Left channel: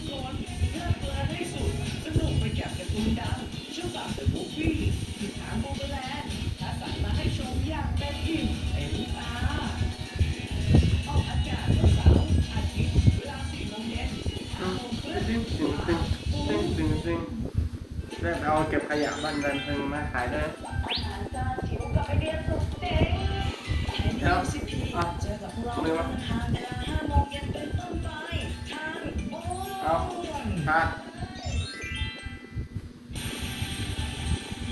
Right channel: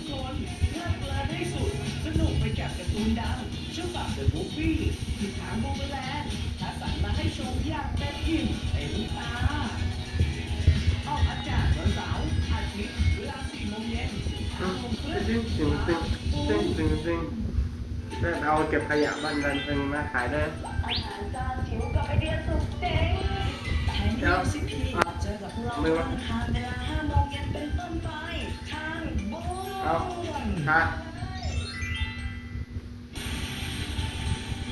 กคนเพลิดเพลินให้สุด สนุกไปกับการ์ตูนดังฉบับ The Movie ที่ทางโมเบแลนด์คัดสรรมาให้ชมอย่างเต็มอิ่มเต็มตาออกอากาศวันเสาร์อาทิตย์เวลา4โมงเย็นถึง5โมงครึ่งตึ้งตึ้งตึ้งตึ้งตึ้งตึ้งแล้วเราเก็บขยะบ้านดันเพิ่งมาขายด้วยอาหารจานจิ๋วกับไอเดียสุดเจ๋งไทยมิวสิกทีเจอกับพวกเราทุกวันอังคารเวลา5โมง นค่ะ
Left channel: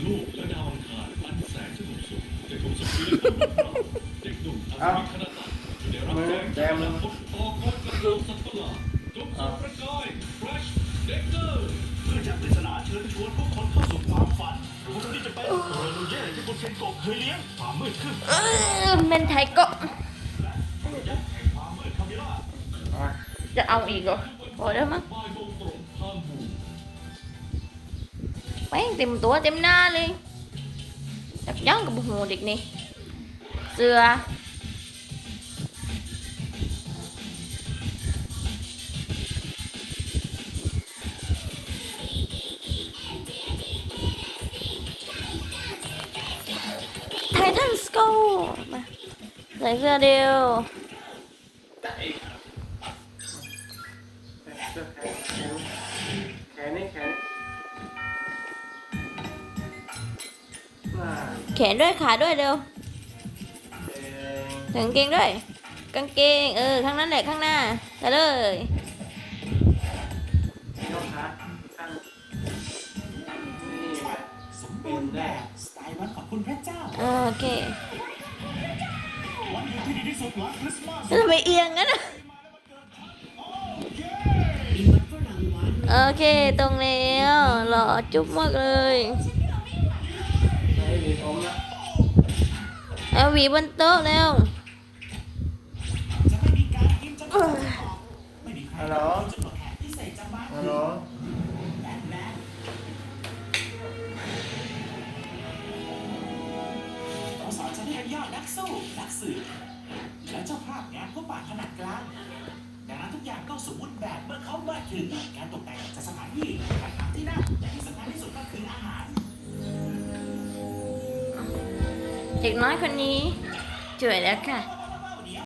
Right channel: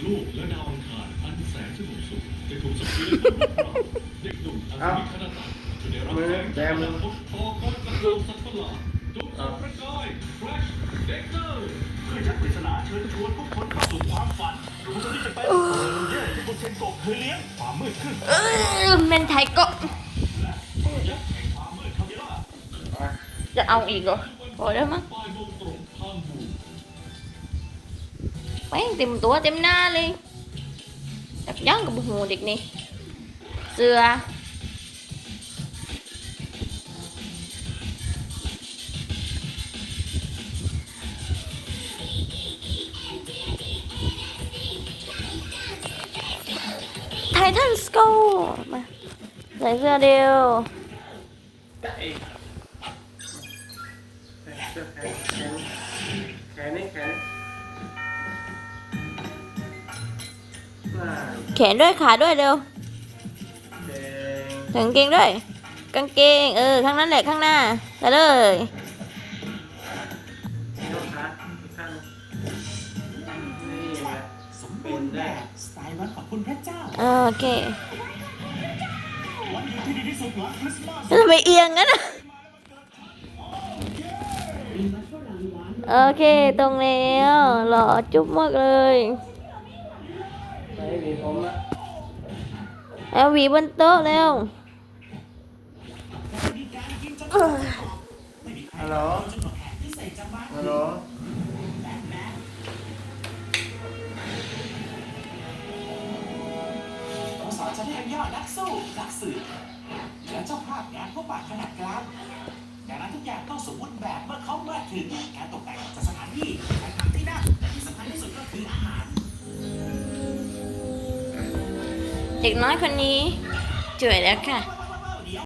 โลกและดาวอังคารอันแสนสงบสุขจะถูกสังเวยด้วยความรักเด็กหนุ่มอันมีคณะตัดจะได้รับแรงจากพลังพบต่อกรกับเริงสัตว์ประหลาดจงส่องประกาย Flash Dector เพื่อยักปริศนาเชิญชวนผู้คนเข้าสู่ความฝันหรือว่าจะนี่จะเป็นเออมันแย่ที่คุณเชนโกเคยเลี้ยงความมืดขึ้นเออเมนไทกะยักษ์แห่งความมืดคามิล่าอะจะเอาอีกเหรอพอแล้วมั้ง บ่ายโมงตรงทางบูแป้งเต็ม แขนแขนแขนนี่แขนแขนด้วยขาด้วยเร็วถึงกางเกงด้วย กางเกง เออ ข้างนั้นแหละข้างหน้าไปเลยอ่านนี่แหละสมบูรณ์แบบสไตล์วันของคุณพระเจ้า โอเควันที่ดีที่สุดหลังคริสต์มาสทำไมเอียงงั้นอะ โอเคตรงแล้วหล่อจุ๊บมากเลยเอาหวีบนโต๊ะแล้วฮัลโหลฮัลโหลสอนฉันให้ยอดนักสู้นักสืบ อเขามาถึงการตกแต่งจัดสถานที่การหาที่นั่งและที่สำคัญที่สุดก็คืออาหาร เด็กน้อยคนนี้จ่วยแล้วค่ะ